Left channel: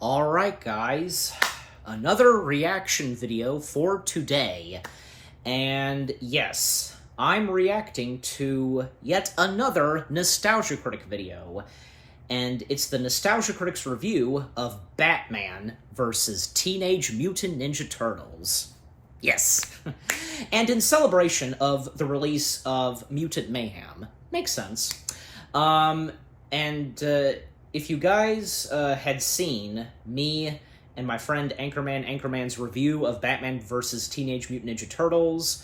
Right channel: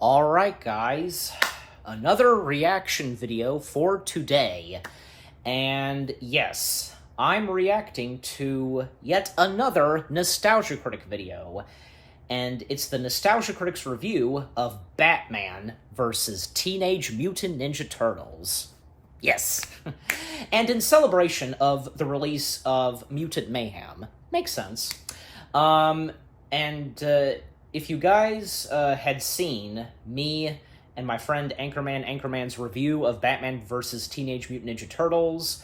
Alright guys, another reaction video for today. And yes, I'm reacting to yet another Nostalgia Critic video. And it's the Nostalgia Critic's review of Batman vs. Teenage Mutant Ninja Turtles. Yes. And in celebration of the release of Mutant Mayhem. Makes sense. If you guys had seen me and my friend Anchorman's review of Batman vs. Teenage Mutant Ninja Turtles,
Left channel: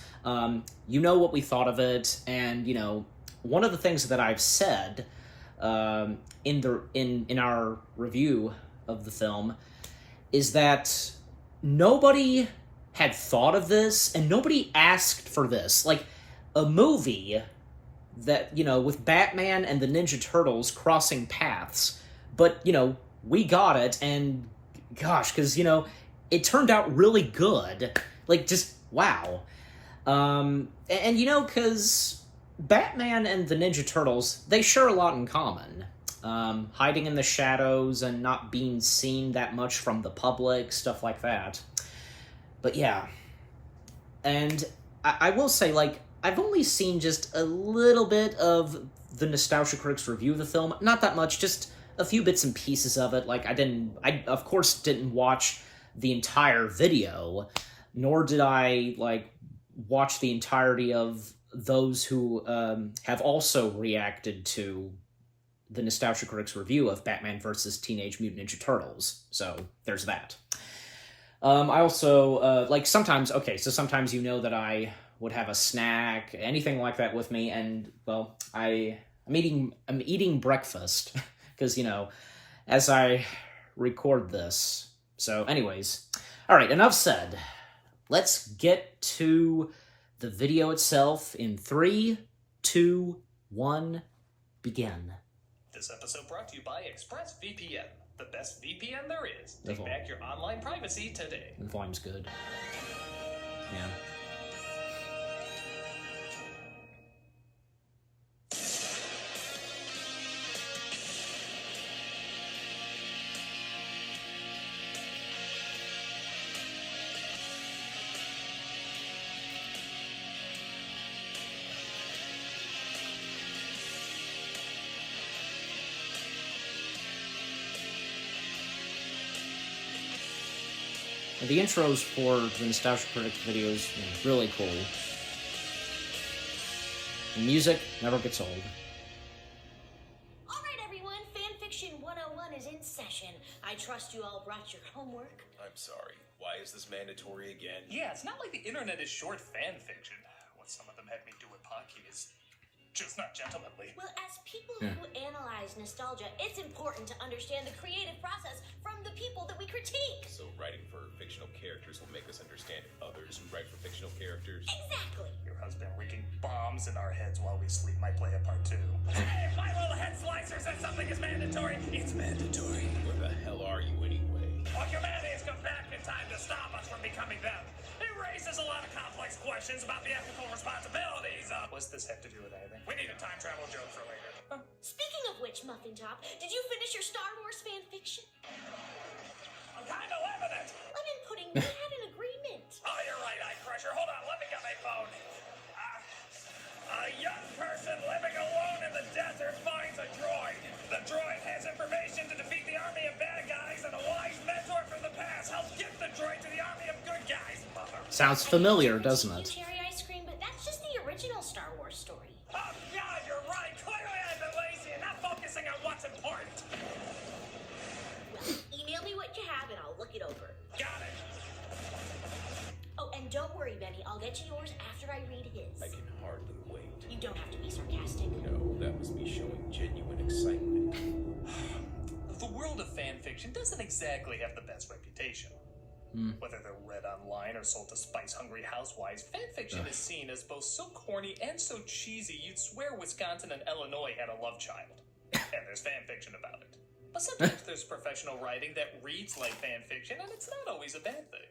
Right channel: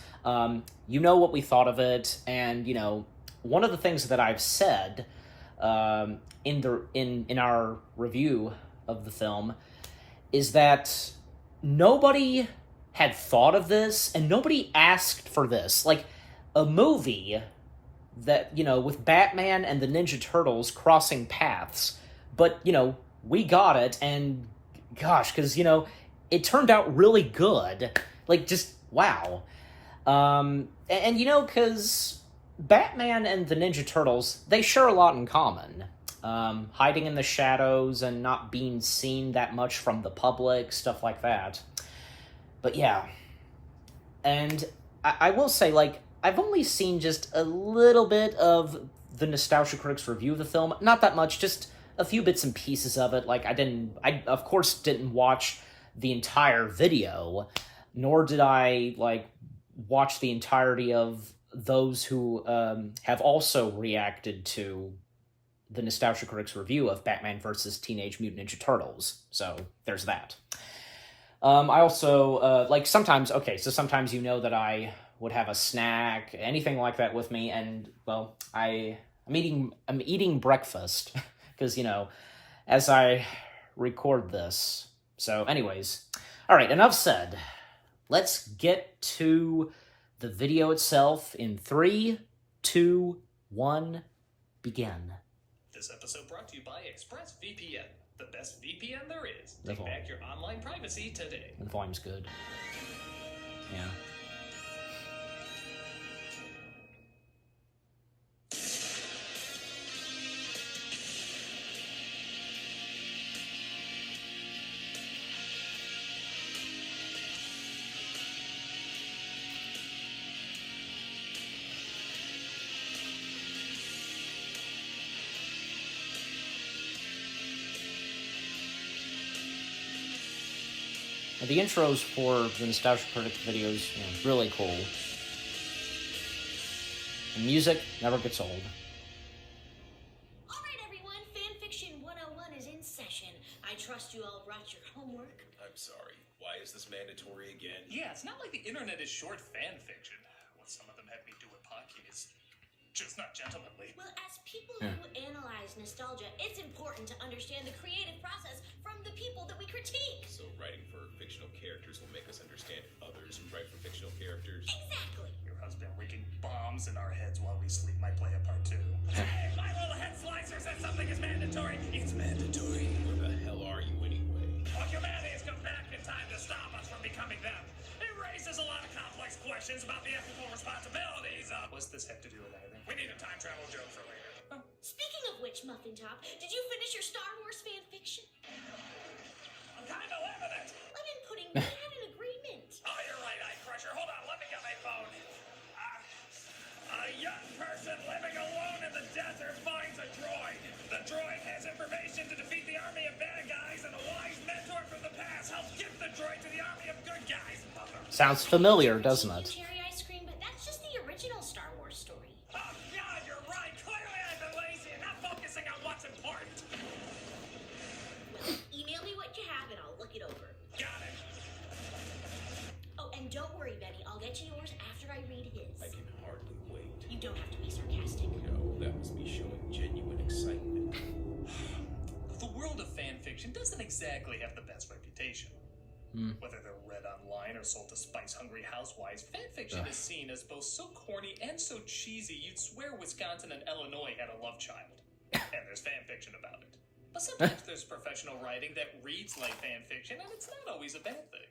you know what we thought of it, and, you know, one of the things that I've said in our review of the film is that nobody had thought of this, and nobody asked for this. Like, a movie that, you know, with Batman and the Ninja Turtles crossing paths, but, you know, we got it, and gosh, because, you know, it turned out really good. Like, just, wow. And you know, because Batman and the Ninja Turtles, they share a lot in common. Hiding in the shadows and not being seen that much from the public, stuff like that. But yeah. And I will say, like, I've only seen just a little bit of the Nostalgia Critic's review of the film. Not that much, just a few bits and pieces of it. Like, I of course didn't watch the entire video, nor did I, like, watch the entirety of those who have also reacted to the Nostalgia Critic's review of Batman vs. Teenage Mutant Ninja Turtles. So, there's that. I also, like, sometimes, sometimes you know that I would have a snack, anything like that with me, and, well, I'm eating breakfast, because, you know, as I record this. So, anyways, alright, enough said. Let's get to the video itself in 3, 2, 1, begin. This episode brought to you by ExpressVPN, the best VPN there is. Take back your online privacy today. The volume's good. Yeah. The intros for the Nostalgia Critic videos, you know, really cool. The music never gets old. Alright everyone, Fanfiction 101 is in session. I trust you all brought your homework. I'm sorry, why is this mandatory again? Yeah, it's not like the internet is short fanfiction. What some of them had me do with Pocky is just not gentlemanly. Well, as people who analyze nostalgia, it's important to understand the creative process from the people that we critique. So writing for fictional characters will make us understand others who write for fictional characters? Exactly. Your husband leaking bombs in our heads while we sleep might play a part too. Hey, my little head slicer said something is mandatory. It's mandatory. Where the hell are you anyway? Our humanity has come back in time to stop us from becoming them. It raises a lot of complex questions about the ethical responsibilities of... What's this have to do with anything? We need a time travel joke for later. Speaking of which, Muffin Top, did you finish your Star Wars fanfiction? I'm kind of loving it. I'm inputting. We had an agreement. Oh, you're right, Eye Crusher. Hold on, let me get my phone. A young person living alone in the desert finds a droid. The droid has information to defeat the army of bad guys, and a wise mentor from the past helps gift the droid to the army of good guys. Sounds familiar, doesn't it? Cherry ice cream, but that's just the original Star Wars story. Oh, yeah, you're right. Clearly I've been lazy and not focusing on what's important. Email me what you have and I'll look it over. Got it. Oh, and don't worry, Benny. I'll get you yours after I read his. I can hardly wait. You don't have to be sarcastic. No, that was me showing genuine excitement. The world of fanfiction doesn't exactly have the best reputation. Whether they're read online or sold to spice-hungry housewives, fanfiction is seen as both so corny and so cheesy you'd swear Wisconsin and Illinois had a love child. And there's fanfiction about it. But sometimes there's professional writing that reads like fanfiction, and it's not always a bad thing.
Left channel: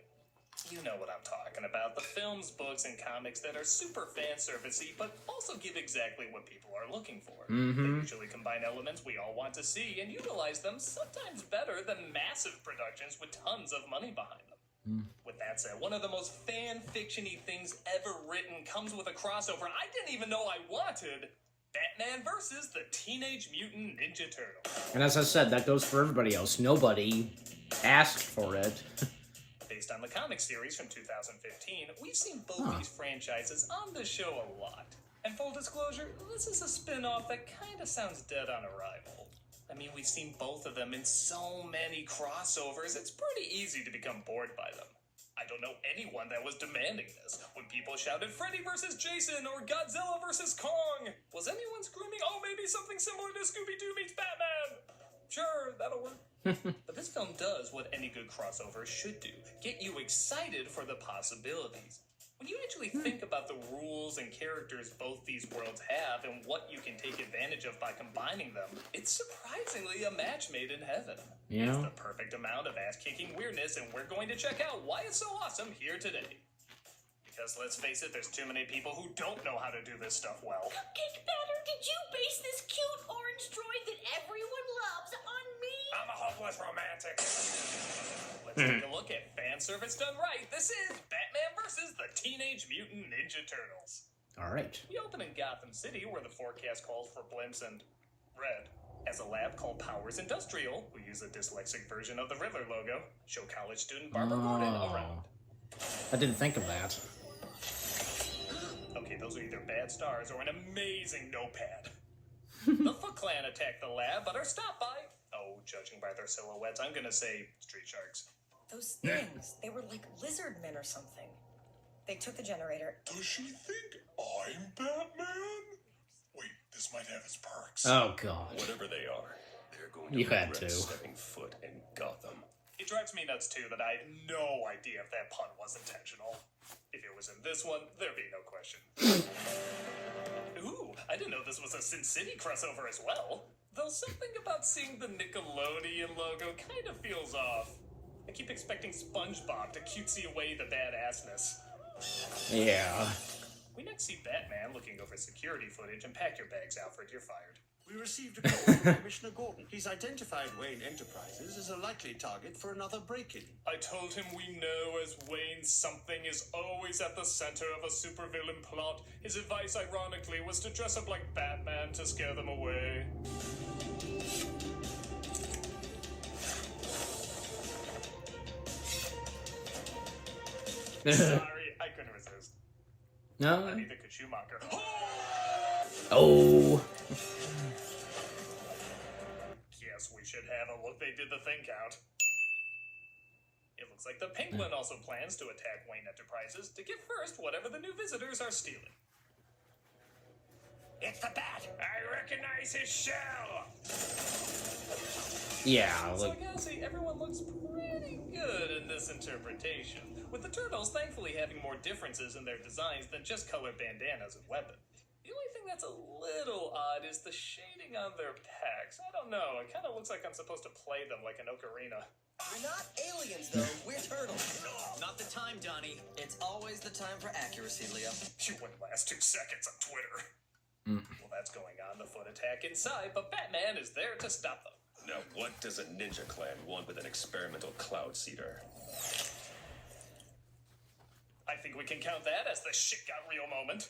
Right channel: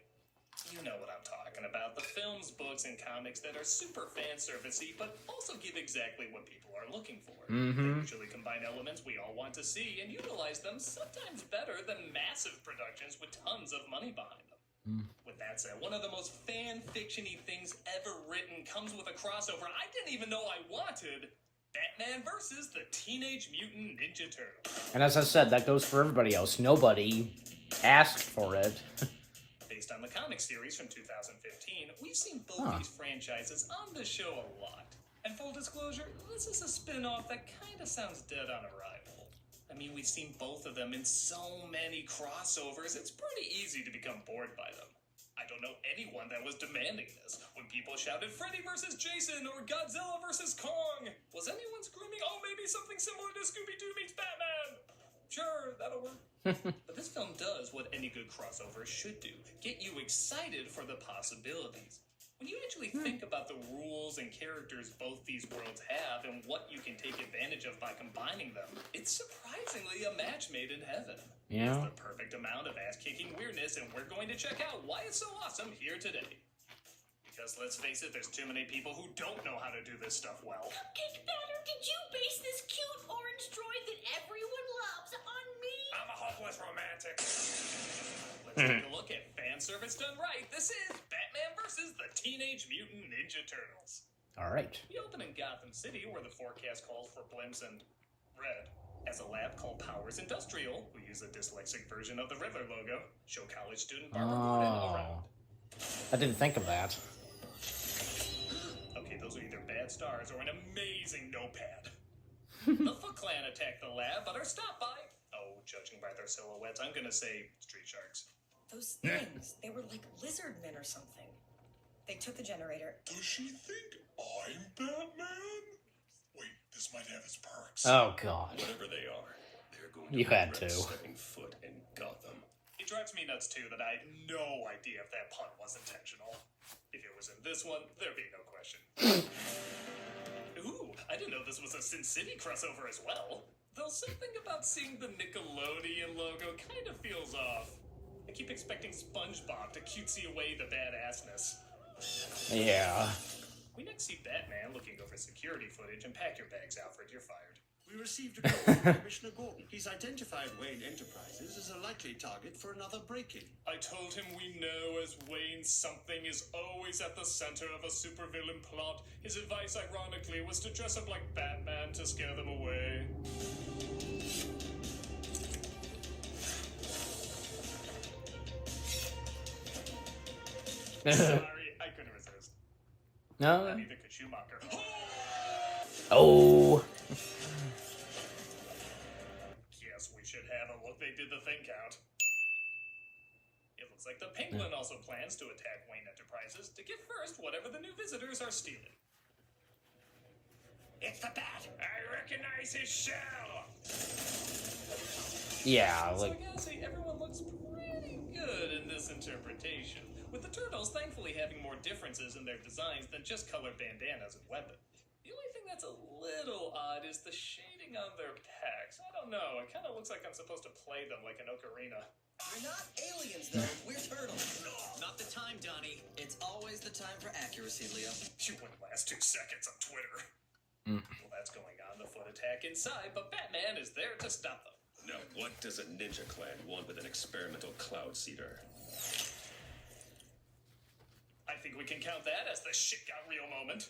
You know what I'm talking about. The films, books, and comics that are super fan servicey, but also give exactly what people are looking for. They usually combine elements we all want to see and utilize them sometimes better than mass massive productions with tons of money behind them. With that said, one of the most fan-fiction-y things ever written comes with a crossover I didn't even know I wanted. Batman versus the Teenage Mutant Ninja Turtles. And as I said, that goes for everybody else. Nobody asked for it. Based on the comic series from 2015, we've seen both these franchises on the show a lot. And full disclosure, this is a spin-off that kind of sounds dead on arrival. I mean, we've seen both of them in so many crossovers, it's pretty easy to become bored by them. I don't know anyone that was demanding this. When people shouted Freddy versus Jason or Godzilla versus Kong, was anyone screaming, oh, maybe something similar to Scooby-Doo meets Batman? Sure, that'll work. But this film does what any good crossover should do. Get you excited for the possibilities. When you actually think about the rules and characters both these worlds have and what you can take advantage of by combining them, it's surprisingly a match made in heaven. Yeah. It's the perfect amount of ass-kicking weirdness, and we're going to check out why it's so awesome here today. Because let's face it, there's too many people who don't know how to do this stuff well. Cupcake Batter, did you base this cute orange droid that everyone loves on me? I'm a hopeless romantic. Let's take a look at fan service done right. This is Batman versus the Teenage Mutant Ninja Turtles. All right. We open in Gotham City, where the forecast calls for blimps and red. As a lab called Powers Industrial, we use a dyslexic version of the Riddler logo, show college student Barbara Gordon around. I didn't think of that. Okay, those are either bad stars or an amazing notepad. The Foot Clan attack the lab, but are stopped by, oh, judging by their silhouettes, I'm gonna say street sharks. Those things, they were like lizard men or something. They took the generator. Does she think I'm Batman? Wait, this might have its perks. Oh, God. Whatever they are, they're going to You had regret to. stepping foot in Gotham. It drives me nuts, too, that I had no idea if that pun was intentional. If it was in this one, there'd be no question. Ooh, I didn't know this was a Sin City crossover as well. Though something about seeing the Nickelodeon logo kind of feels off. I keep expecting SpongeBob to cutesy away the badassness. Yeah. We next see Batman looking over security footage and pack your bags, Alfred, you're fired. We received a call from Commissioner Gordon. He's identified Wayne Enterprises as a likely target for another break-in. I told him we know as Wayne something is always at the center of a supervillain plot. His advice, ironically, was to dress up like Batman to scare them away. Sorry, I couldn't resist. No. Neither could Schumacher. Oh. Yes, we should have a look. They did the thing count. It looks like the Penguin also plans to attack Wayne Enterprises to get first whatever the new visitors are stealing. It's the Bat! I recognize his shell! Yeah, So like... yeah, see, everyone looks pretty good in this interpretation, with the Turtles thankfully having more differences in their designs than just colored bandanas and weapons. The only thing that's a little odd is the shading on their packs. I don't know, it kind of looks like I'm supposed to play them like an ocarina. We're not aliens, though. We're turtles. Not the time, Donnie. It's always the time for accuracy, Leo. You wouldn't last 2 seconds on Twitter. Well, that's going on, the foot attack inside, but Batman is there to stop them. Now, what does a ninja clan want with an experimental cloud seeder? I think we can count that as the shit got real moment.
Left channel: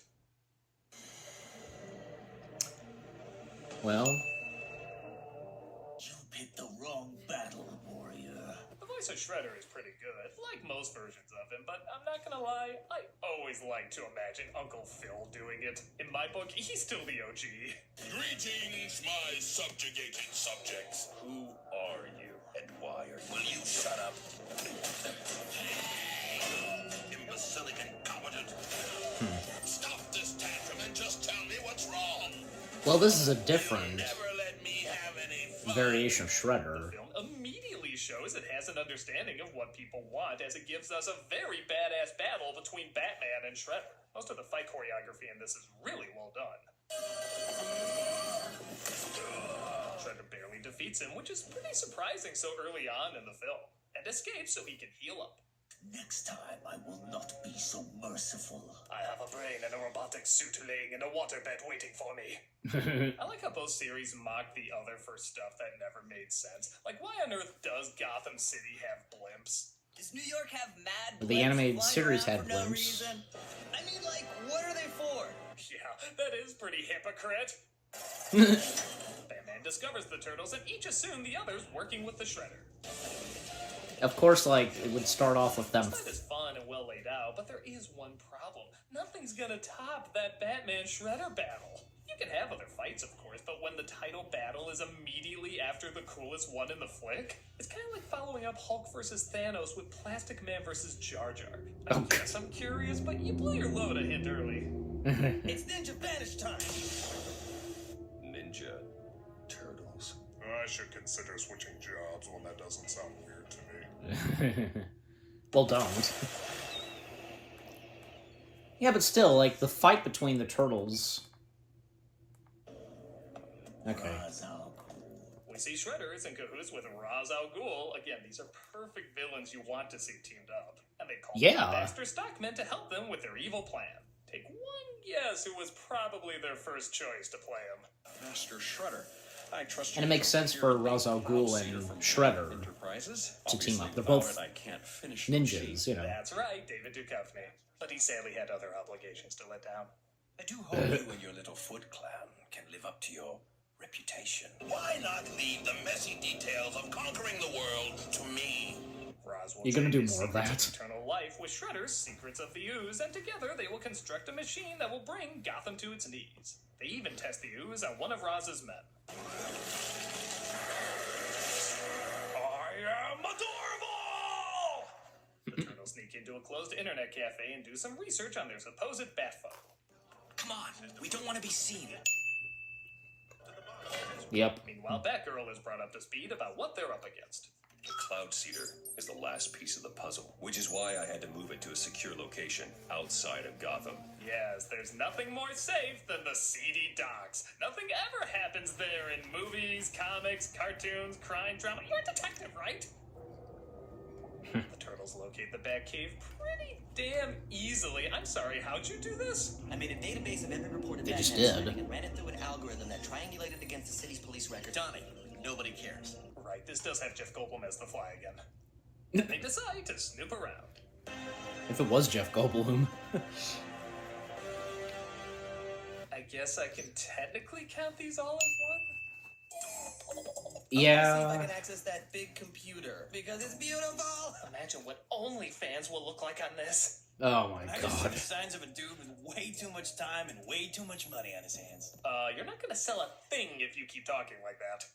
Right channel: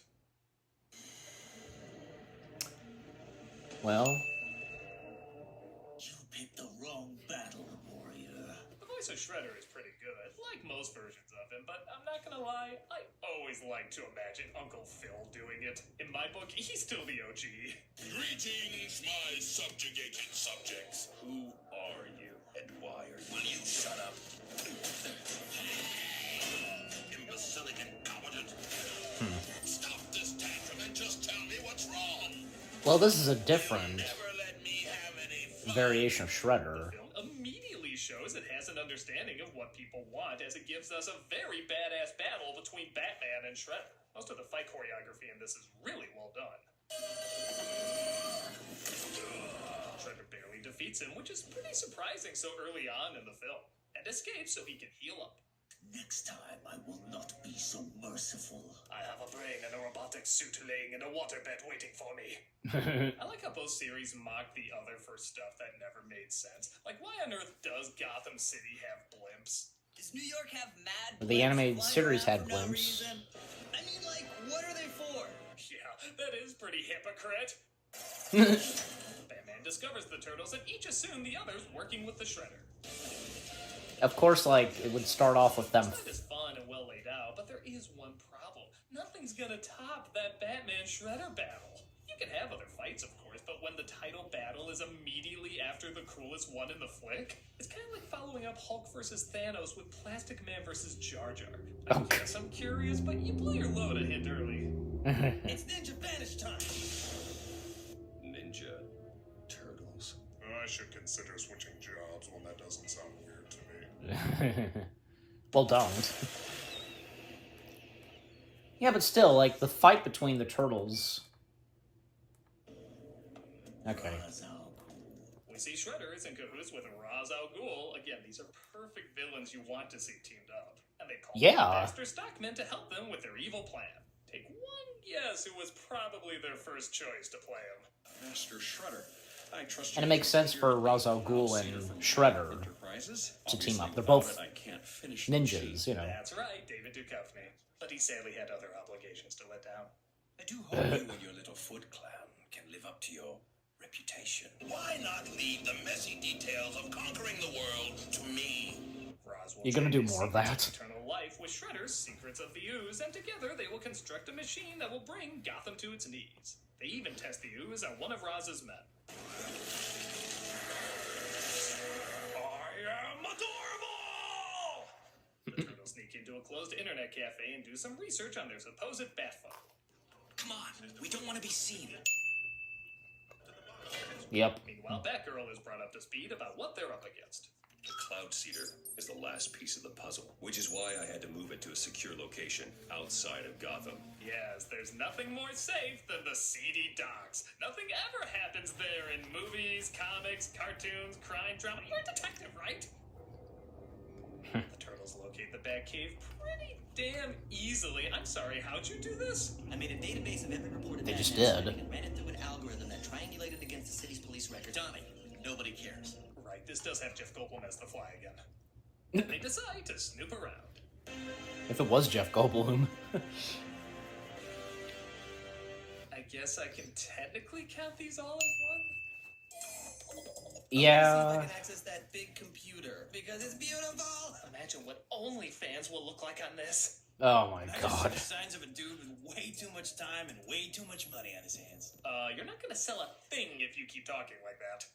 Well... You picked the wrong battle, warrior. The voice of Shredder is pretty good, like most versions of him, but I'm not gonna lie, I always like to imagine Uncle Phil doing it. In my book, he's still the OG. Greetings, my subjugating subjects. Who are you, and why are you? Will you shut up? Imbecilic incompetent. Stop this tantrum and just tell me what's wrong. Well, this is a different Never let me have any fun. variation of Shredder. The film immediately shows it has an understanding of what people want, as it gives us a very badass battle between Batman and Shredder. Most of the fight choreography in this is really well done. Shredder barely defeats him, which is pretty surprising so early on in the film, and escapes so he can heal up. Next time, I will not be so merciful. I have a brain and a robotic suit laying in a waterbed waiting for me. I like how both series mock the other for stuff that never made sense. Like, why on earth does Gotham City have blimps? Does New York have mad The blimps animated flying series around had for no blimps. reason? I mean, like, what are they for? Yeah, that is pretty hypocrite. Batman discovers the turtles and each assume the other's working with the Shredder. Of course, like, it would start off with them. It's fun and well laid out, but there is one problem. Nothing's gonna top that Batman Shredder battle. You can have other fights, of course, but when the title battle is immediately after the coolest one in the flick, it's kind of like following up Hulk versus Thanos with Plastic Man versus Jar Jar. I guess I'm curious, but you blew your load a hint early. It's Ninja Vanish time! Ninja Turtles. I should consider switching jobs when that doesn't sound weird to me. Well, don't. Yeah, but still, like, the fight between the turtles... Okay. We see Shredder is in cahoots with Ra's al Ghul. Again, these are perfect villains you want to see teamed up. And they call Baxter Stockman to help them with their evil plan. Take one guess who was probably their first choice to play him. Master Shredder. I trust And it makes sense for Ra's al Ghul and Shredder to team up. They're both ninjas, you know. That's right, David Duchovny. But he sadly had other obligations to let down. I do hope you and your little Foot Clan can live up to your reputation. Why not leave the messy details of conquering the world to me? Ra's will You're gonna do trade his more of secrets that. Eternal life with Shredder's Secrets of the Ooze, and together they will construct a machine that will bring Gotham to its knees. They even test the ooze on one of Raz's men. I am adorable! The turtles sneak into a closed internet cafe and do some research on their supposed bat phone. Come on, we don't want to be seen. Yep. Meanwhile, Batgirl is brought up to speed about what they're up against. The Cloud Seeder is the last piece of the puzzle, which is why I had to move it to a secure location outside of Gotham. Yes, there's nothing more safe than the seedy docks. Nothing ever happens there in movies, comics, cartoons, crime, drama. You're a detective, right? The turtles locate the Batcave pretty damn easily. I'm sorry, how'd you do this? I made a database of every reported They just Batman did. sighting and ran it through an algorithm that triangulated against the city's police record. Done it. Nobody cares. Right, this does have Jeff Goldblum as the Fly again. They decide to snoop around. If it was Jeff Goldblum. I guess I can technically count these all as one? Yeah. I can access that big computer because it's beautiful. Imagine what OnlyFans will look like on this. Oh my I god. can see signs of a dude with way too much time and way too much money on his hands. You're not gonna sell a thing if you keep talking like that.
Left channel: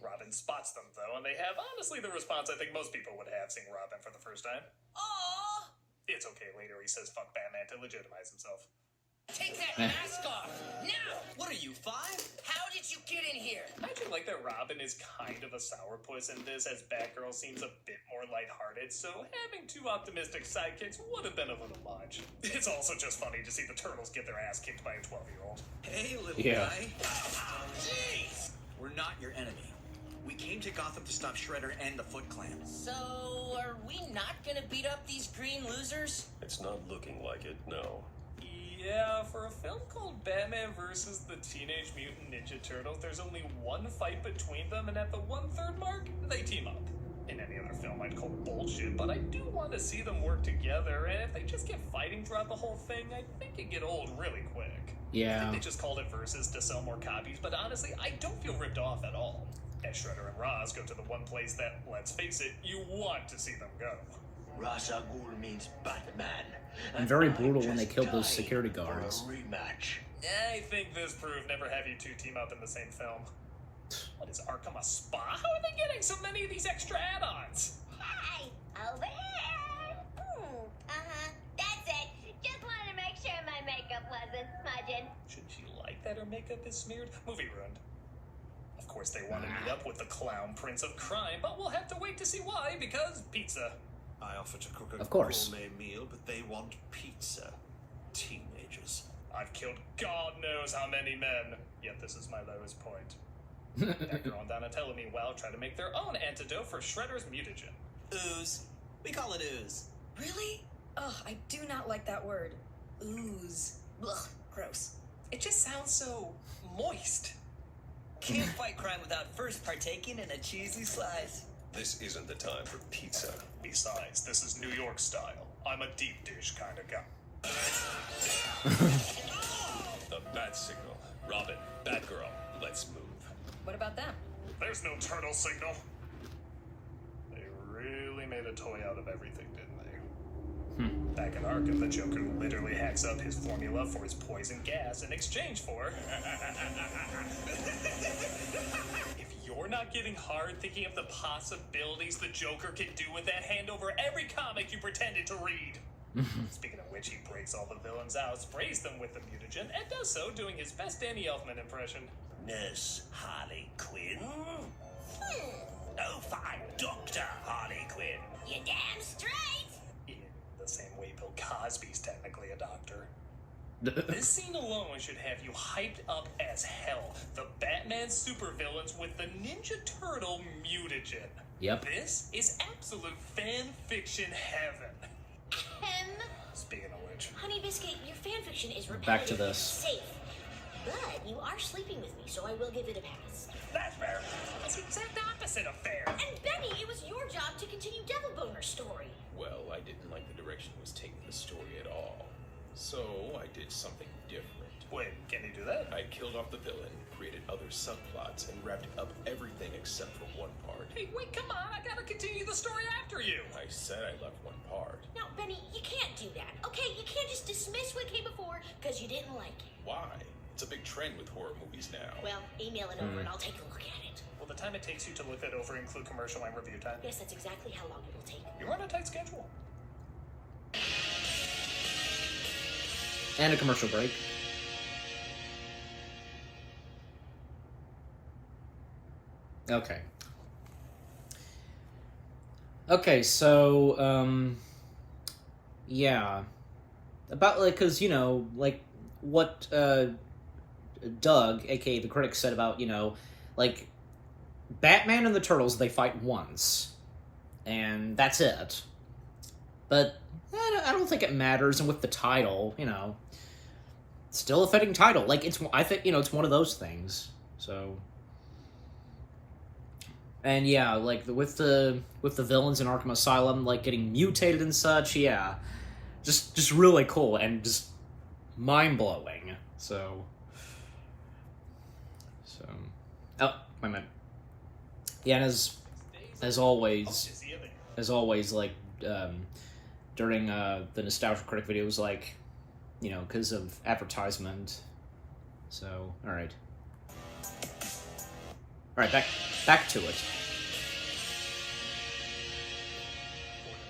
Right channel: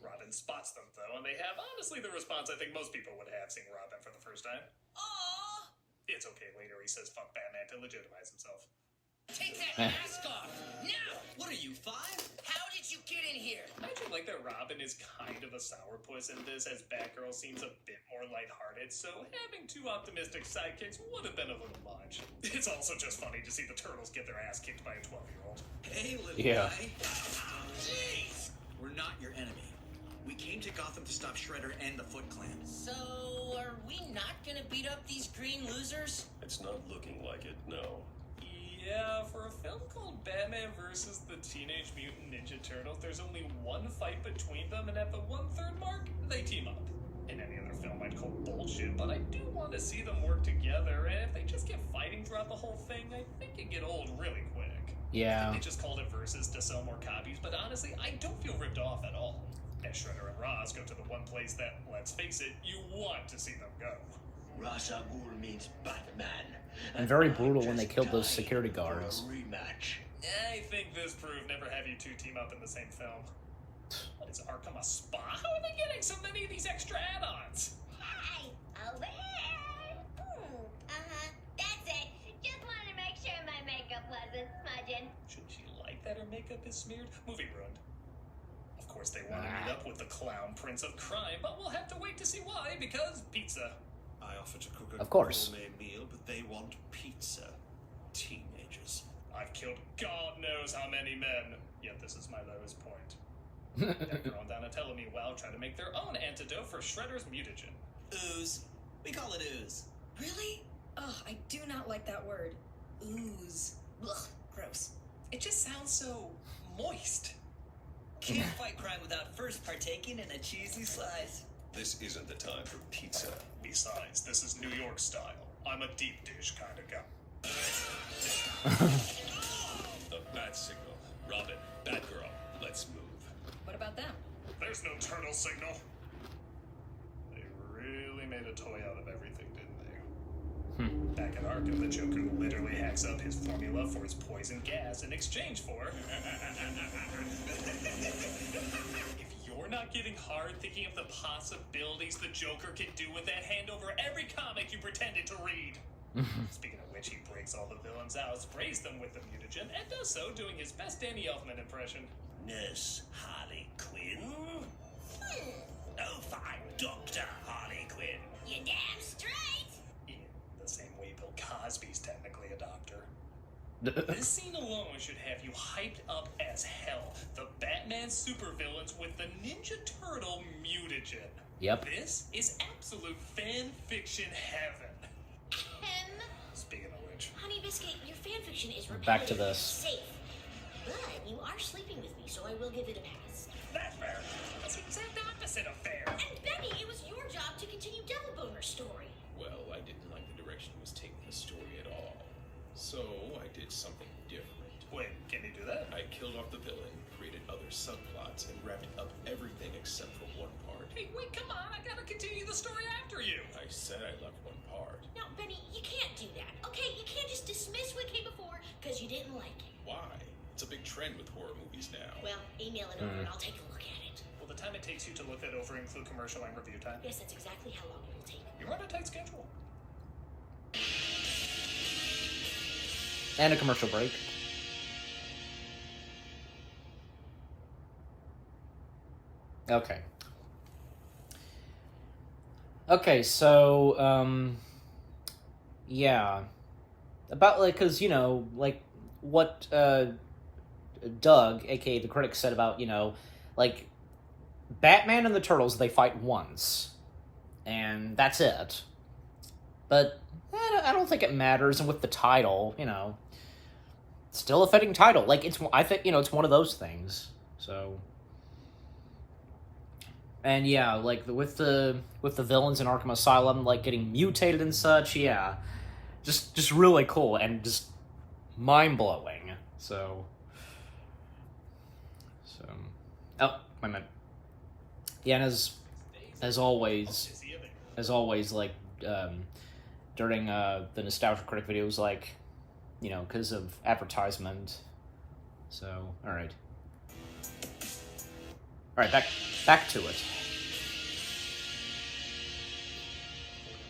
Robin spots them, though, and they have, honestly, the response I think most people would have seeing Robin for the first time. Aww. It's okay, later he says fuck Batman to legitimize himself. Take that mask off! Now! What are you, 5? How did you get in here? I do like that Robin is kind of a sourpuss in this, as Batgirl seems a bit more lighthearted, so having two optimistic sidekicks would have been a little much. It's also just funny to see the turtles get their ass kicked by a 12-year-old. Hey, little Yeah. guy. Jeez! We're not your enemy. We came to Gotham to stop Shredder and the Foot Clan. So, are we not gonna beat up these green losers? It's not looking like it, no. Yeah, for a film called Batman vs. the Teenage Mutant Ninja Turtles, there's only one fight between them, and at the 1/3 mark, they team up. In any other film, I'd call bullshit, but I do want to see them work together, and if they just get fighting throughout the whole thing, I think it'd get old really quick. I Yeah. think they just called it Versus to sell more copies, but honestly, I don't feel ripped off at all. As Shredder and Ra's go to the one place that, let's face it, you want to see them go. Ra's al Ghul means Batman. And very brutal when they killed those security guards. Rematch. I think this proved never have you two team up in the same film. What is Arkham, a spa? How are they getting so many of these extra add-ons? Hi, over here. That's it. Just wanted to make sure my makeup wasn't smudging. Shouldn't she like that her makeup is smeared? Movie ruined. Of course they want to meet up with the clown prince of crime, but we'll have to wait to see why, because pizza. I offer to cook a Of course. gourmet meal, but they want pizza. Teenagers. I've killed God knows how many men, yet this is my lowest point. Batgirl and Donatello, meanwhile, try to make their own antidote for Shredder's mutagen. Ooze. We call it ooze. Really? Ugh, I do not like that word. Ooze. Ugh, gross. It just sounds so moist. Can't fight crime without first partaking in a cheesy slice. This isn't the time for pizza. Besides, this is New York style. I'm a deep dish kind of guy. The bat signal. Robin, Batgirl, let's move. What about them? There's no turtle signal. They really made a toy out of everything, didn't they? Back in Arkham, the Joker literally hacks up his formula for his poison gas in exchange for... If you're not getting hard thinking of the possibilities the Joker can do with that hand over every comic you pretended to read. Speaking of which, he breaks all the villains out, sprays them with the mutagen, and does so doing his best Danny Elfman impression. Nurse Harley Quinn. Oh, fine, Dr. Harley Quinn. You damn straight! In the same way Bill Cosby's technically a doctor. This scene alone should have you hyped up as hell. The Batman supervillains with the Ninja Turtle mutagen. Yep. This is absolute fan fiction heaven. Speaking of which, Honey Biscuit, your fanfiction is repetitive Back to and this. safe. But you are sleeping with me, so I will give it a pass. that's fair. That's the exact opposite of fair. And Benny, it was your job to continue Devil Boner's story. Well, I didn't like the direction it was taking the story at all. So I did something different. Wait, can you do that? I killed off the villain, created other subplots, and wrapped up everything except for one part. Hey, wait, come on, I gotta continue the story after you. I said I left one part. Now, Benny, you can't do that, okay? You can't just dismiss what came before because you didn't like it. Why? It's a big trend with horror movies now. Well, email it over and I'll take a look at it. Will the time it takes you to look that over include commercial and review time? Yes, that's exactly how long it will take. You're on a tight schedule. And a commercial break. Okay. Okay, so, yeah. About, like, because, you know, like, what, Doug, aka the Critic, said about, you know, like, Batman and the Turtles, they fight once. And that's it. But I don't think it matters, and with the title, you know, still a fitting title. Like, I think, you know, it's one of those things. So, and yeah, like with the villains in Arkham Asylum, like getting mutated and such, yeah, just really cool and just mind blowing. So, oh, wait a minute. Yeah, and as always, like during the Nostalgia Critic videos, like, you know, because of advertisement. So, all right, back to it.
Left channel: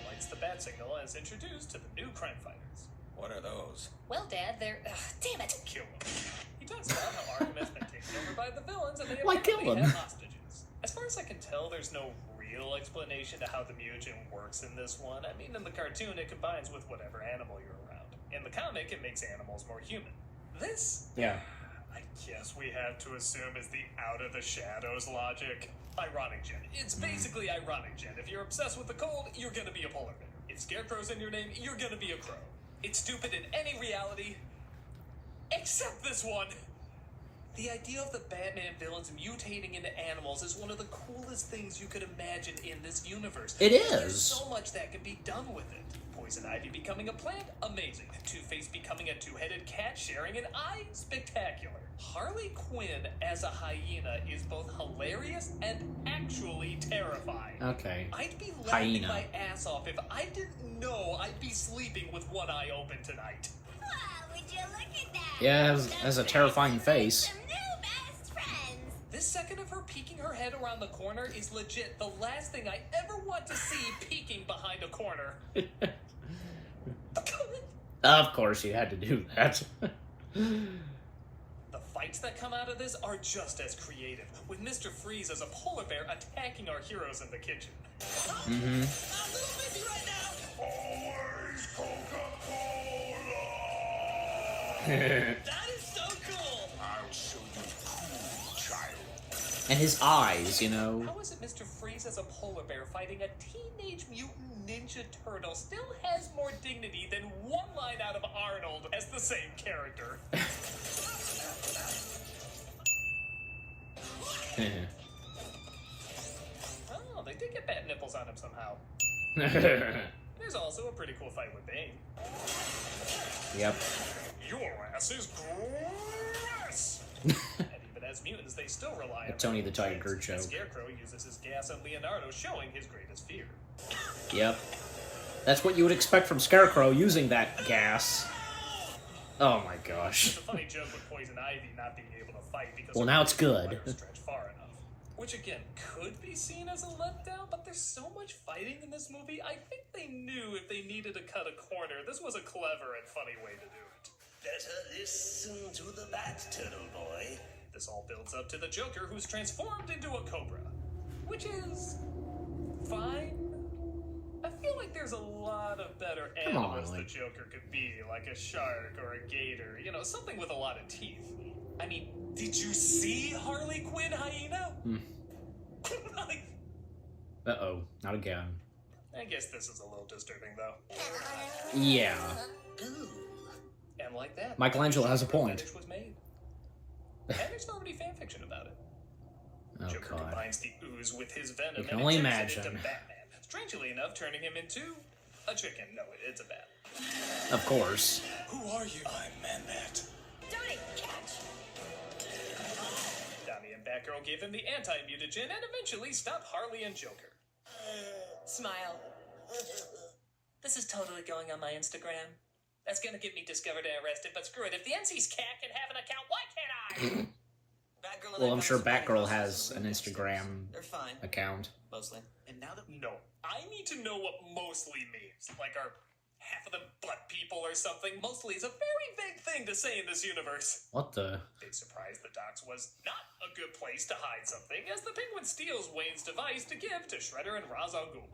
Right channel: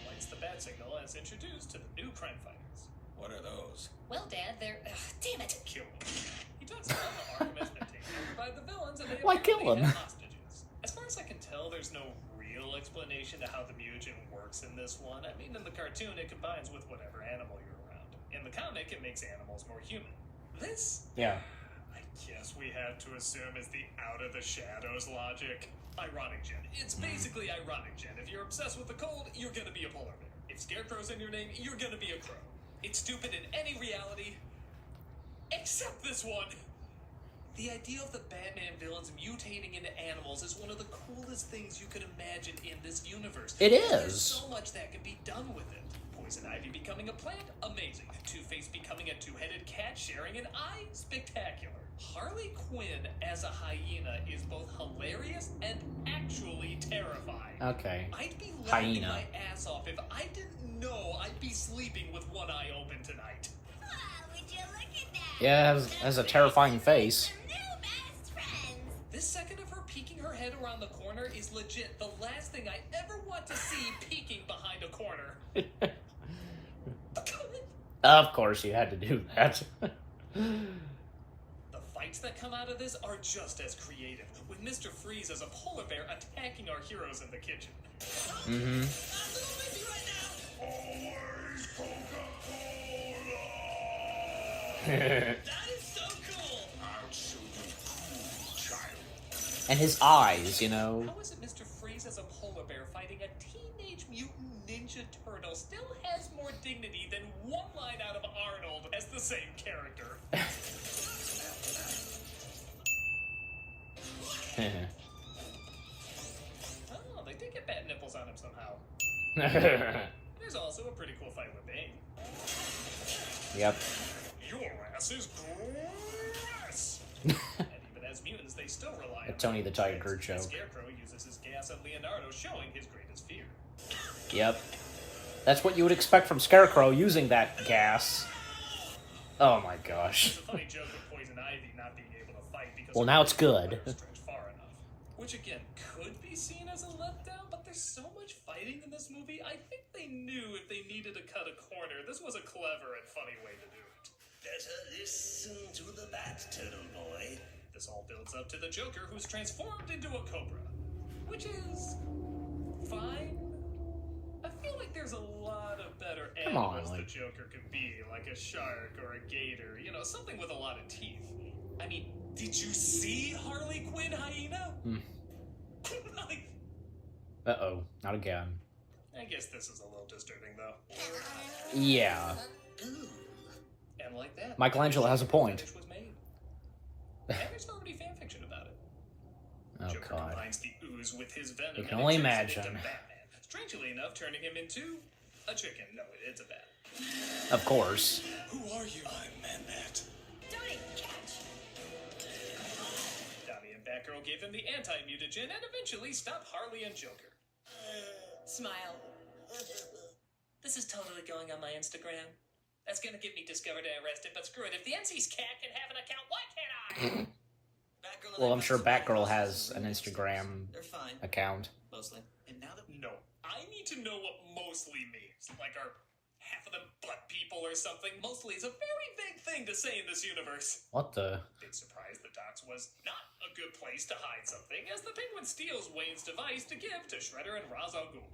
Lights the bat signal as introduced to the new crime fighters. What are those? Well, Dad, they're... damn it! Kill me. He talks about how Arkham has been taken over by the villains and they Why kill them? have hostages. As far as I can tell, there's no real explanation to how the mutagen works in this one. I mean, in the cartoon, it combines with whatever animal you're around. In the comic, it makes animals more human. This, Yeah. I guess we have to assume, is the out of the shadows logic. Ironic Gen. It's basically ironic Gen. If you're obsessed with the cold, you're gonna be a polar bear. If Scarecrow's in your name, you're gonna be a crow. It's stupid in any reality, except this one. The idea of the Batman villains mutating into animals is one of the coolest things you could imagine in this universe. It There's is. so much that could be done with it. Poison Ivy becoming a plant? Amazing. Two-Face becoming a two-headed cat sharing an eye? Spectacular. Harley Quinn as a hyena is both hilarious and actually terrifying. Okay. I'd be laughing Hyena. my ass off if I didn't know I'd be sleeping with one eye open tonight. Wow, would you look at that? Yeah, has a terrifying face. Some new best friends. This second of her peeking her head around the corner is legit the last thing I ever want to see peeking behind a corner. Of course, you had to do that. The fights that come out of this are just as creative, with Mr. Freeze as a polar bear attacking our heroes in the kitchen. Mm-hmm. Always Coca-Cola. That is so cool! I'll show you cool, child. And his eyes, you know. How is it Mr. Freeze as a polar bear fighting a a Teenage Mutant Ninja Turtle still has more dignity than one line out of Arnold as the same character. Oh, they did get bat nipples on him somehow. There's also a pretty cool fight with Bane. Yep. Your ass is gross! And even as mutants, they still rely on Tony the Tiger joke. Scarecrow uses his gas on Leonardo, showing his greatest fear. Yep. That's what you would expect from Scarecrow using that gas. Oh my gosh. It's a funny joke with Poison Ivy not being able to fight because Well, now it's good. stretch far enough. Which again could be seen as a letdown, but there's so much fighting in this movie. I think they knew if they needed to cut a corner, this was a clever and funny way to do it. Better listen to the bat, Turtle Boy. This all builds up to the Joker, who's transformed into a cobra, which is fine. I feel like there's a lot of better animals the Joker could be, like a shark or a gator, you know, something with a lot of teeth. I mean, did you see Harley Quinn hyena? Uh-oh, not again. I guess this is a little disturbing, though. Yeah. And like that, Michelangelo has a point. was made. And there's already fanfiction about it. Oh, Joker God. combines the ooze with his venom. You can and only turns it imagine. into Batman. Strangely enough, turning him into a chicken. No, it's a bat. Of course. Who are you? I'm Man-Bat. Tony, catch! Donnie and Batgirl gave him the anti-mutagen and eventually stopped Harley and Joker. Smile. This is totally going on my Instagram. That's gonna get me discovered and arrested, but screw it. If the NC's cat can have an account, why can't I? Batgirl and Well, I I'm sure got some Batgirl ideas. has an Instagram They're fine, account. mostly. And now that No, I need to know what mostly means. Like, are half of them butt people or something? Mostly is a very big thing to say in this universe. What the? Big surprise, the docks was not a good place to hide something, as the Penguin steals Wayne's device to give to Shredder and Ra's al Ghul.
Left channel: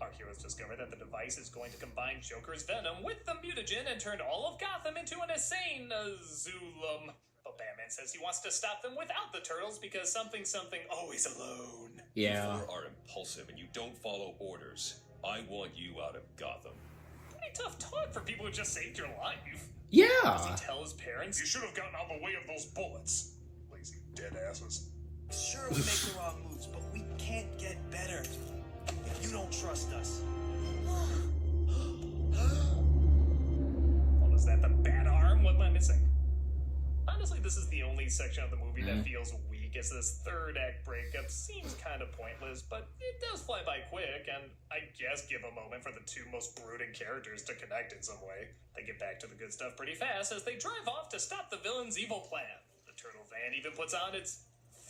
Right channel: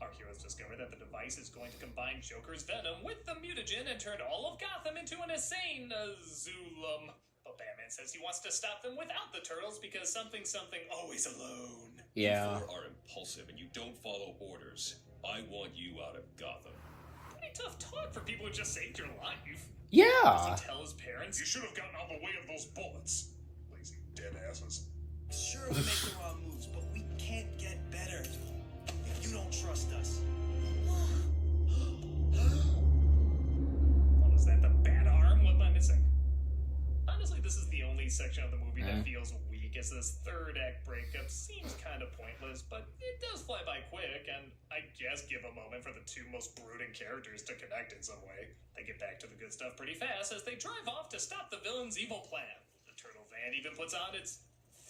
Our heroes discover that the device is going to combine Joker's venom with the mutagen and turn all of Gotham into an insane Zulum. But Batman says he wants to stop them without the turtles because something always alone. Yeah. You are impulsive and you don't follow orders. I want you out of Gotham. Pretty tough talk for people who just saved your life. Yeah. Does he tell his parents, you should have gotten out of the way of those bullets? Lazy dead asses. Sure, we make the wrong moves, but we can't get better. If you don't trust us. What was that, the bat arm? What am I missing? Honestly, this is the only section of the movie that feels weak, as this third act breakup seems kind of pointless, but it does fly by quick, and I guess give a moment for the two most brooding characters to connect in some way. They get back to the good stuff pretty fast as they drive off to stop the villain's evil plan. The turtle van even puts on its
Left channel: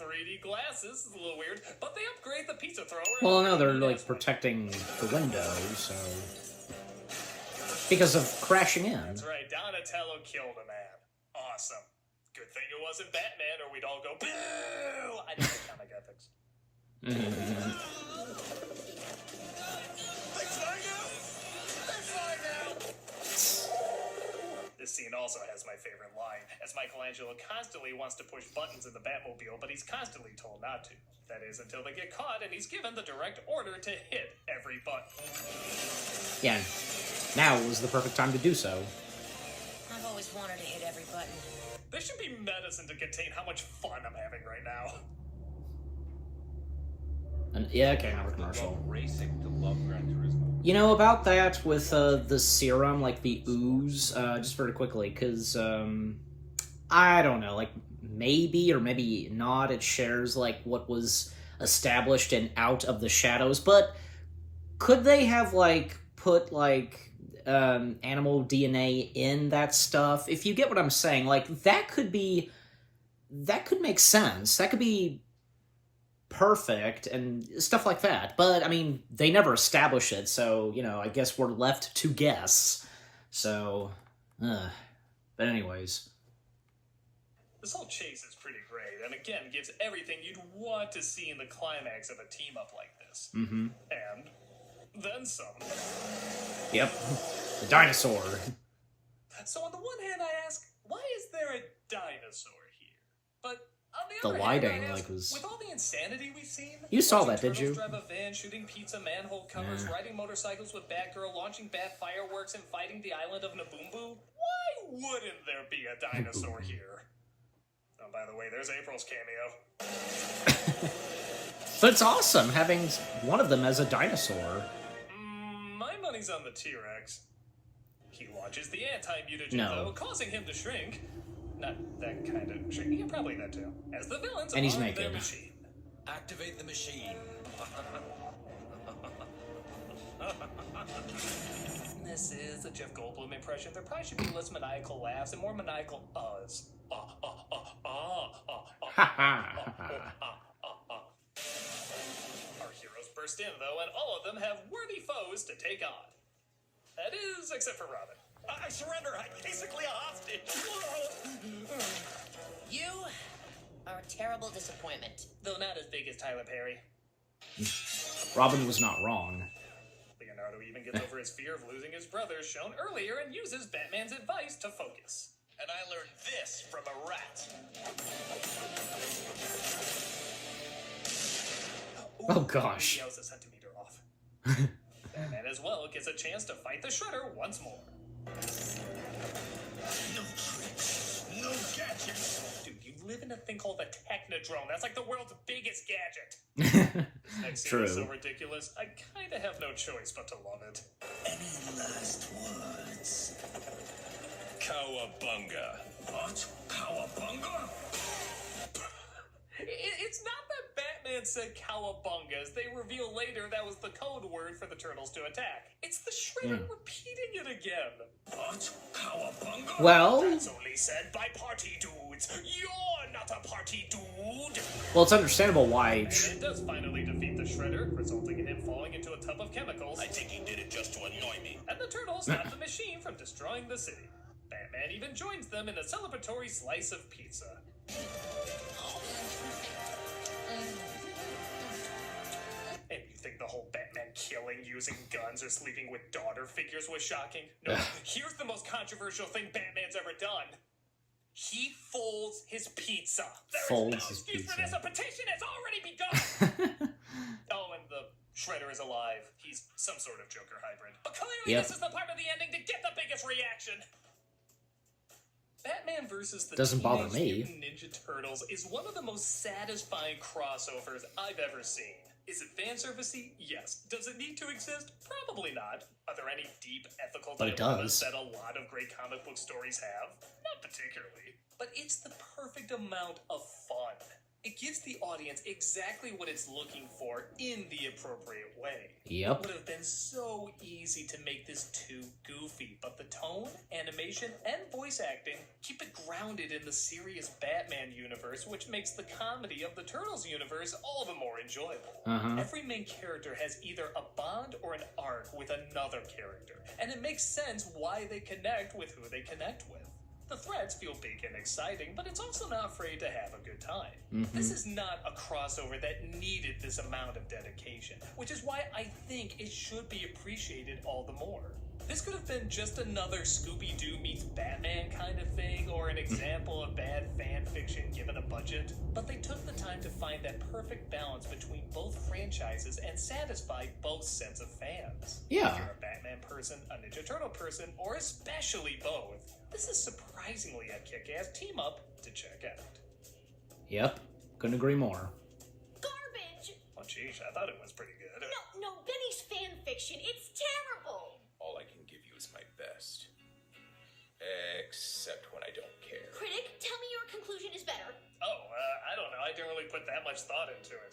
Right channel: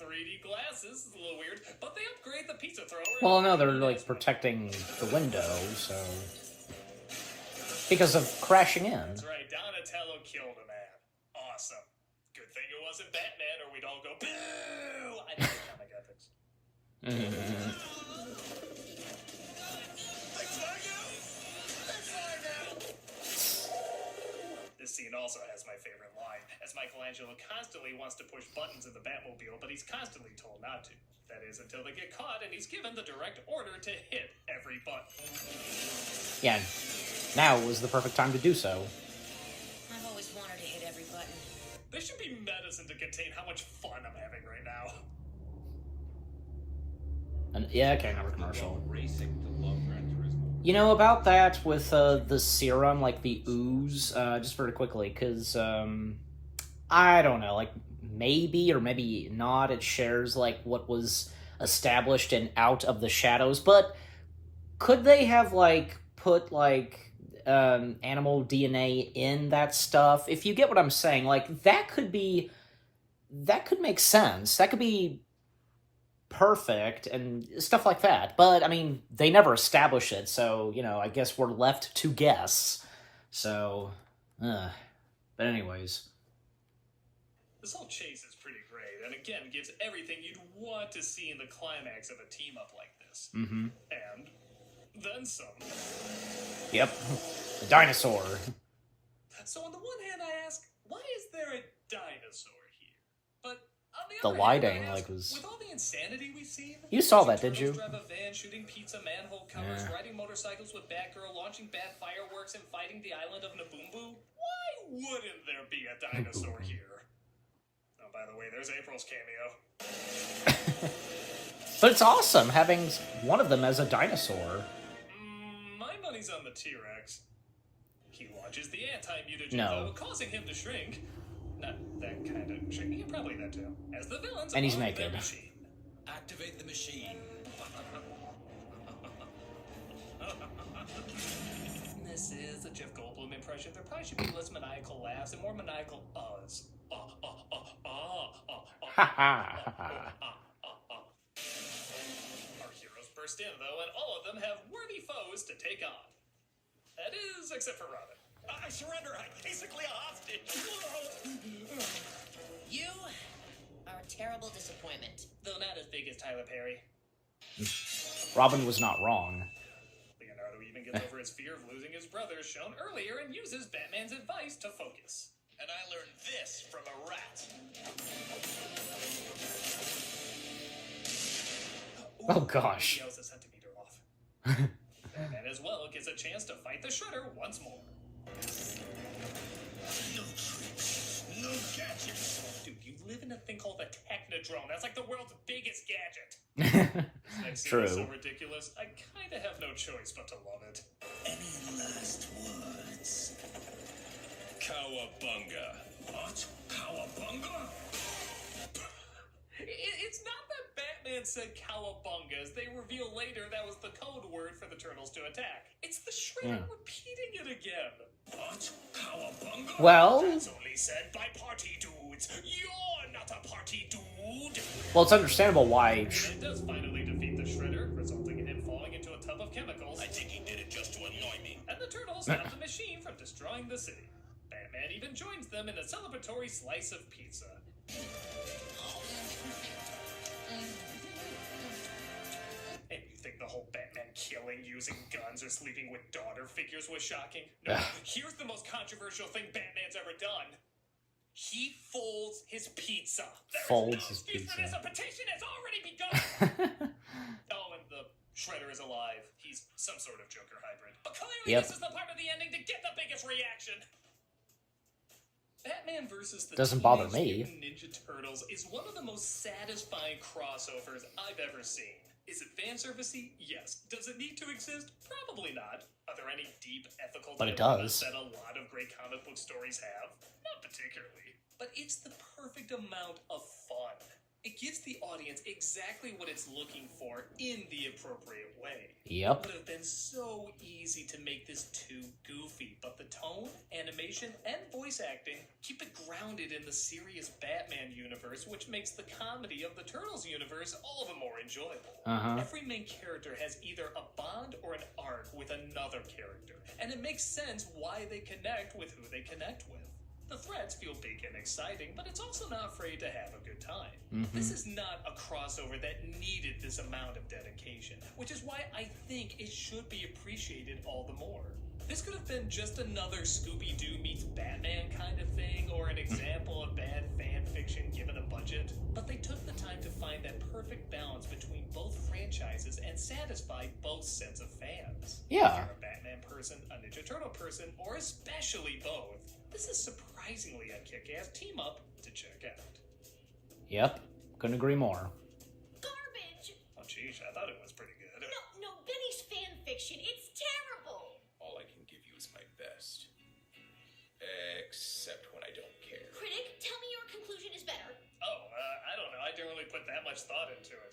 3D glasses. It's a little weird, but they upgrade the pizza thrower. Well, no, they're like protecting the window, so because of crashing in. That's right, Donatello killed a man. Awesome. Good thing it wasn't Batman, or we'd all go boo. I don't know comic ethics. This scene also has my favorite line, as Michelangelo constantly wants to push buttons in the Batmobile, but he's constantly told not to. That is, until they get caught, and he's given the direct order to hit every button. Yeah. Now was the perfect time to do so. I've always wanted to hit every button. There should be medicine to contain how much fun I'm having right now. And yeah, okay, another commercial. Racing to love Gran Turismo. You know, about that with the serum, like the ooze, just very quickly, because, I don't know, like, maybe or maybe not, it shares, like, what was established in Out of the Shadows, but could they have, like, put, like, animal DNA in that stuff? If you get what I'm saying, like, that could make sense. That could be perfect and stuff like that. But, I mean, they never establish it, so, you know, I guess we're left to guess. So, but anyways. This whole chase is pretty great, and again, gives everything you'd want to see in the climax of a team-up like this. Mm-hmm. And then some. Yep. The dinosaur. So on the one hand, I ask, why is there a dinosaur here? But on the the lighting like was. With all the insanity we've seen, You saw that, did you? Drive a van, shooting pizza manhole covers, riding motorcycles with Batgirl, launching bad fireworks, and fighting the island of Naboombu. Why wouldn't there be a dinosaur here? Oh, by the way, there's April's cameo. But it's awesome having one of them as a dinosaur. My money's on the T-Rex. He launches the anti-mutagen, causing him to shrink. Not that kind of shrink. Yeah, probably that too. As the villains, and he's naked. Activate the machine. This is a Jeff Goldblum impression. There probably should be less maniacal laughs and more maniacal uhs. Ha ha. Our heroes burst in, though, and all of them have worthy foes to take on. That is, except for Robin. I surrender. I'm basically a hostage. You are a terrible disappointment. Though not as big as Tyler Perry. Robin was not wrong. Leonardo even gets over his fear of losing his brother, shown earlier, and uses Batman's advice to focus. And I learned this from a rat. Oh gosh. He goes a centimeter off. Batman as well gets a chance to fight the Shredder once more. No tricks, no gadgets. Dude, you live in a thing called a Technodrome. That's like the world's biggest gadget. Next scene is so ridiculous, I kinda have no choice but to love it. Any last words? Cowabunga. What? Cowabunga? It's not that Batman said cowabunga. As they reveal later, that was the code word for the Turtles to attack. It's the Shredder repeating it again. What? Cowabunga? Well, That's only said by party dudes. You're not a party dude. well, it's understandable why. It does finally defeat the Shredder, resulting in him falling into a tub of chemicals. I think he did it just to annoy me. And the Turtles stop the machine from destroying the city. Batman even joins them in a celebratory slice of pizza. And you think the whole Batman killing, using guns, or sleeping with daughter figures was shocking? No, here's the most controversial thing Batman's ever done. He folds his pizza. Folds his pizza. This petition has already begun. Oh, and the Shredder is alive. He's some sort of Joker hybrid. But clearly this is the part of the ending to get the biggest reaction. Batman versus the Doesn't bother Teenage me. Mutant Ninja Turtles is one of the most satisfying crossovers I've ever seen. Is it fan-servicey? Yes. Does it need to exist? Probably not. Are there any deep ethical But it dilemmas does. that a lot of great comic book stories have? Not particularly. But it's the perfect amount of fun. It gives the audience exactly what it's looking for in the appropriate way. Yep. It would have been so easy to make this too goofy, but the tone, animation, and voice acting keep it grounded in the serious Batman universe, which makes the comedy of the Turtles universe all the more enjoyable. Every main character has either a bond or an arc with another character, and it makes sense why they connect with who they connect with. The threats feel big and exciting, but it's also not afraid to have a good time. This is not a crossover that needed this amount of dedication, which is why I think it should be appreciated all the more. This could have been just another Scooby-Doo meets Batman kind of thing, or an example of bad fan fiction given a budget, but they took the time to find that perfect balance between both franchises and satisfy both sets of fans. Yeah. If you're a Batman person, a Ninja Turtle person, or especially both, this is surprisingly a kick-ass team-up to check out. Yep. Couldn't agree more. Garbage! Oh, geez, I thought it was pretty good. No, Benny's fan fiction. It's terrible! All I can give you is my best. Except when I don't care. Critic, tell me your conclusion is better. Oh, I don't know. I didn't really put that much thought into it.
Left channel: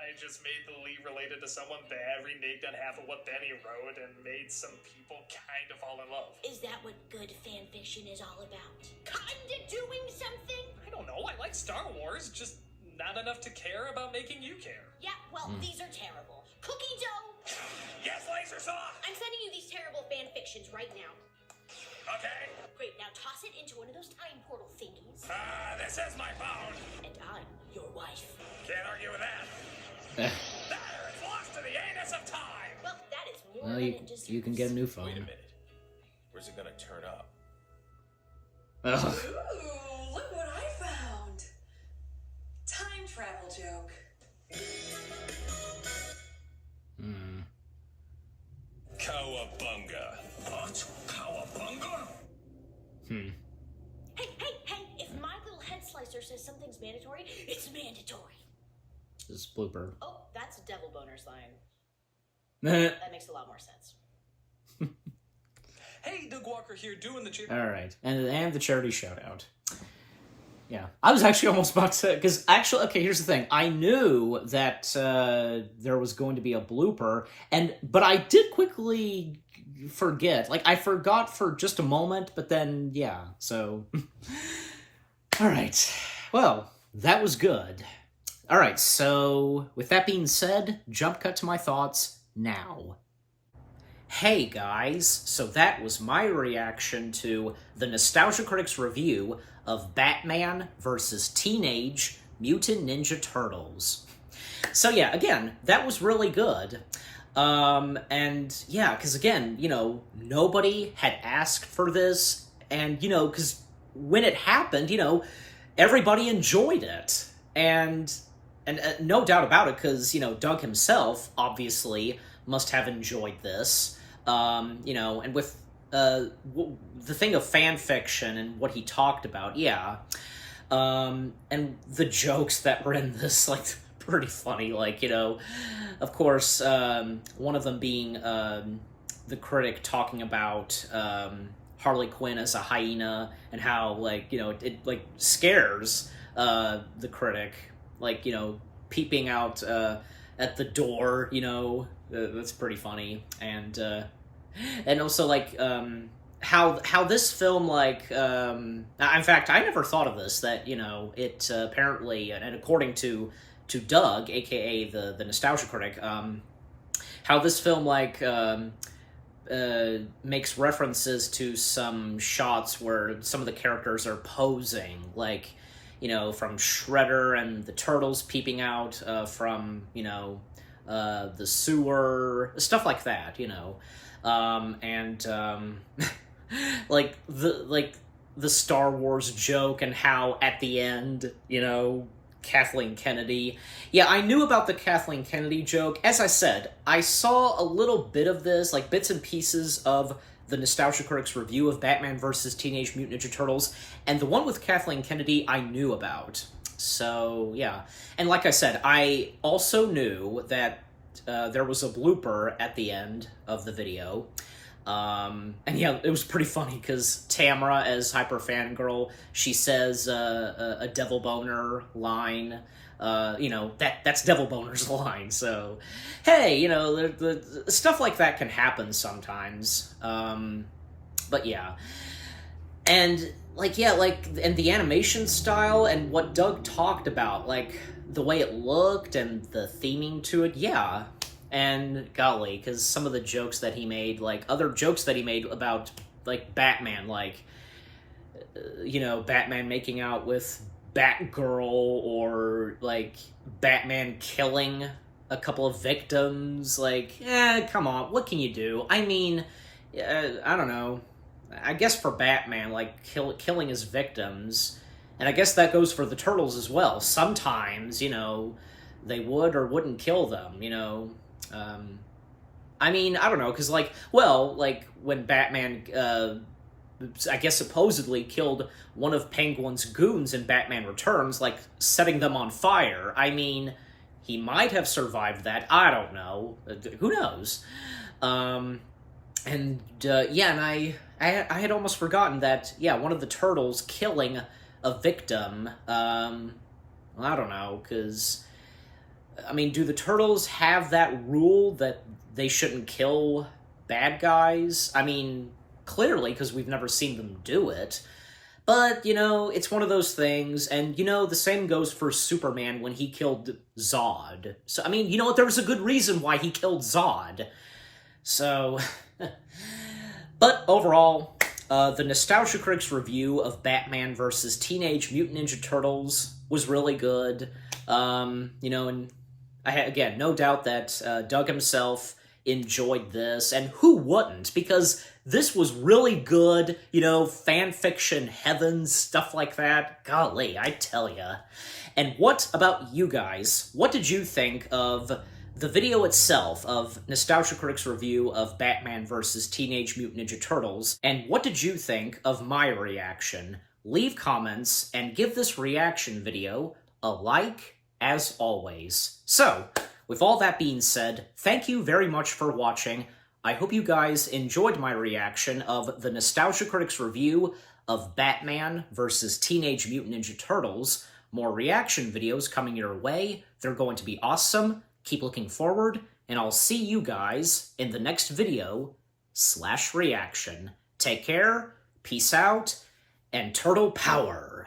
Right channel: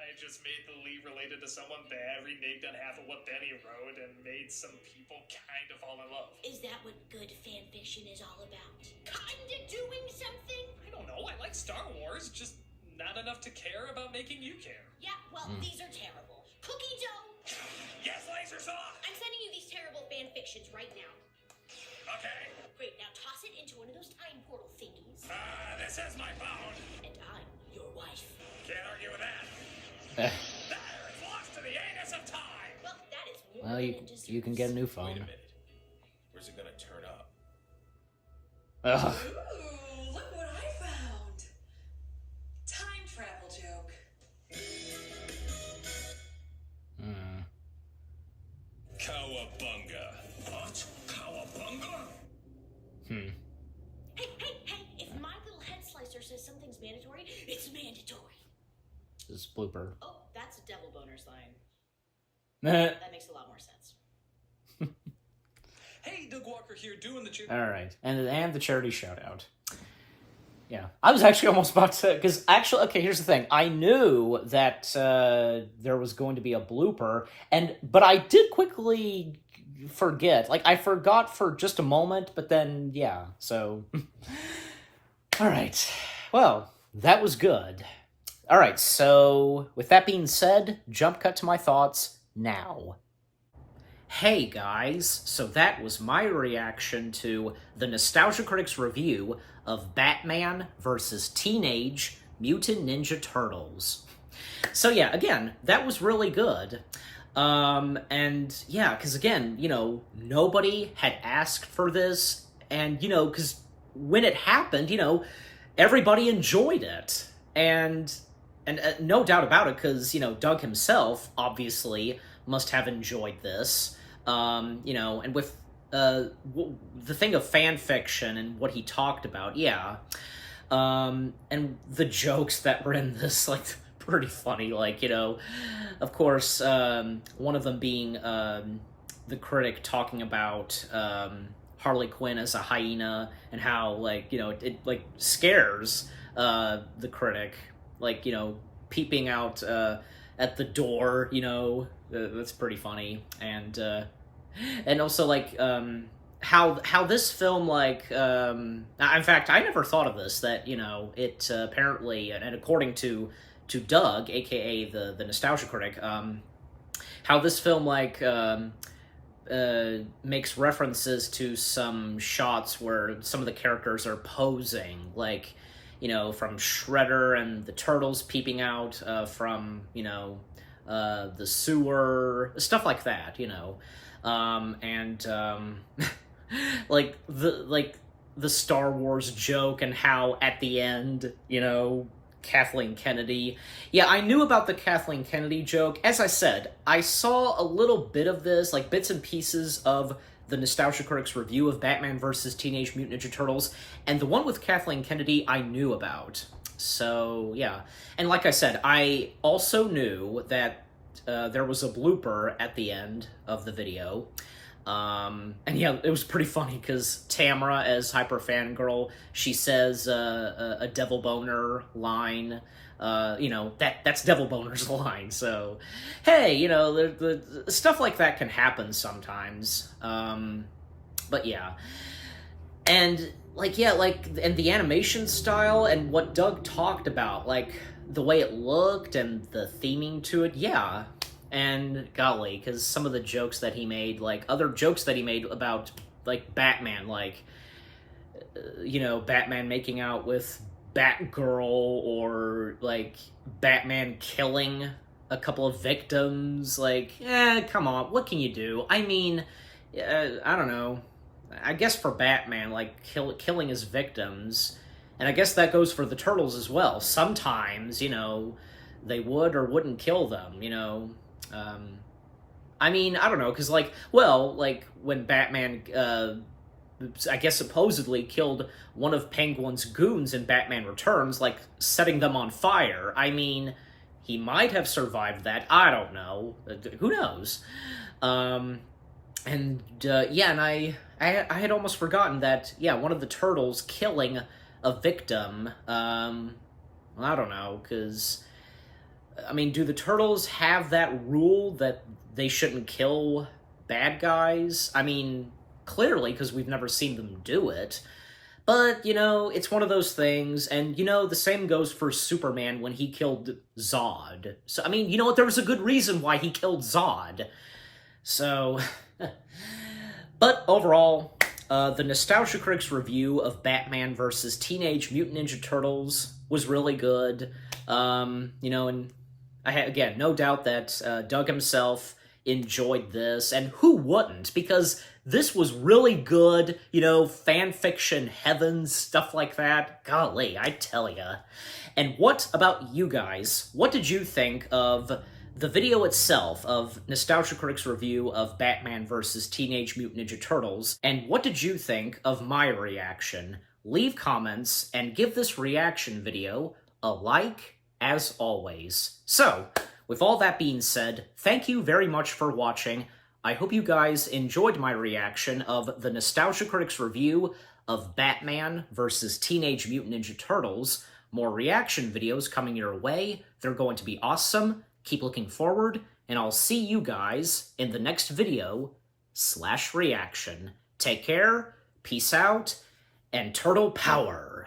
I just made the lead related to someone bad, reneged on half of what Benny wrote, and made some people kind of fall in love. Is that what good fan fiction is all about? Kinda doing something? I don't know. I like Star Wars, just not enough to care about making you care. Yeah, well, these are terrible. Cookie dough! Yes, laser saw! I'm sending you these terrible fan fictions right now. Okay. Great, now toss it into one of those time portal thingies. This is my phone. And I'm your wife. Can't argue with that. That is lost to the anus of time. Well, that is more Well, than it deserves. you can get a new Wait a phone. minute. Where's it gonna turn up? Ooh, look what I found. Cowabunga. What? Cowabunga? Hey, if my little head slicer says something's mandatory, it's mandatory. This is Blooper. Oh, that's a devil boner slang. All That makes a lot more sense. Hey, Doug Walker here, doing the right, and the charity shout out. Yeah, I was actually almost about to, because actually, okay, here's the thing. I knew that there was going to be a blooper, but I did quickly forget. Like, I forgot for just a moment, but then, yeah, so. All right, well, that was good. All right, so with that being said, jump cut to my thoughts now. Hey guys, so that was my reaction to the Nostalgia Critic's review of Batman vs. Teenage Mutant Ninja Turtles. So yeah, again, that was really good. And yeah, because again, you know, nobody had asked for this, and, you know, because when it happened, you know, everybody enjoyed it. And no doubt about it, because, you know, Doug himself obviously must have enjoyed this. You know, and with the thing of fan fiction and what he talked about, yeah. And the jokes that were in this, like, pretty funny. Like, you know, of course, one of them being the Critic talking about Harley Quinn as a hyena and how, like, you know, it like scares the Critic, like, you know, peeping out at the door, you know. That's pretty funny. And also, like, how this film, like, in fact, I never thought of this, that, you know, it apparently, and according to Doug, aka the Nostalgia Critic, how this film, like, makes references to some shots where some of the characters are posing, like, you know, from Shredder and the Turtles peeping out from, you know, the sewer, stuff like that, you know. Like the Star Wars joke, and how at the end, you know, Kathleen Kennedy. Yeah, I knew about the Kathleen Kennedy joke. As I said, I saw a little bit of this, like bits and pieces of the Nostalgia Critic's review of Batman vs. Teenage Mutant Ninja Turtles, and the one with Kathleen Kennedy I knew about. So, yeah. And like I said, I also knew that there was a blooper at the end of the video. And yeah, it was pretty funny, because Tamara, as Hyper Fangirl, she says a Devil Boner line. You know, that's Devil Boner's line. So, hey, you know, the stuff like that can happen sometimes. But yeah. And, like, yeah, like, and the animation style and what Doug talked about, like, the way it looked and the theming to it, yeah. And, golly, because some of the jokes that he made, like, other jokes that he made about, like, Batman, like, you know, Batman making out with Batgirl, or, like, Batman killing a couple of victims, like, come on, what can you do? I mean, I don't know. I guess for Batman, like, killing his victims, and I guess that goes for the Turtles as well. Sometimes, you know, they would or wouldn't kill them, you know. I mean, I don't know, because, like, well, like, when Batman, I guess supposedly killed one of Penguin's goons in Batman Returns, like, setting them on fire, I mean, he might have survived that, I don't know, who knows? Yeah, and I had almost forgotten that, yeah, one of the Turtles killing a victim, well, I don't know, because, I mean, do the Turtles have that rule that they shouldn't kill bad guys? I mean, clearly, because we've never seen them do it. But, you know, it's one of those things, and, you know, the same goes for Superman when he killed Zod. So, I mean, you know what, there was a good reason why he killed Zod. So, but overall, the Nostalgia Critic's review of Batman vs. Teenage Mutant Ninja Turtles was really good. You know, and I had, again, no doubt that Doug himself enjoyed this, and who wouldn't? Because this was really good, you know, fan fiction heaven, stuff like that. Golly, I tell ya. And what about you guys? What did you think of the video itself of Nostalgia Critic's review of Batman vs. Teenage Mutant Ninja Turtles, and what did you think of my reaction? Leave comments and give this reaction video a like, as always. So, with all that being said, thank you very much for watching. I hope you guys enjoyed my reaction of the Nostalgia Critic's review of Batman vs. Teenage Mutant Ninja Turtles. More reaction videos coming your way. They're going to be awesome. Keep looking forward, and I'll see you guys in the next video/reaction. Take care, peace out, and turtle power!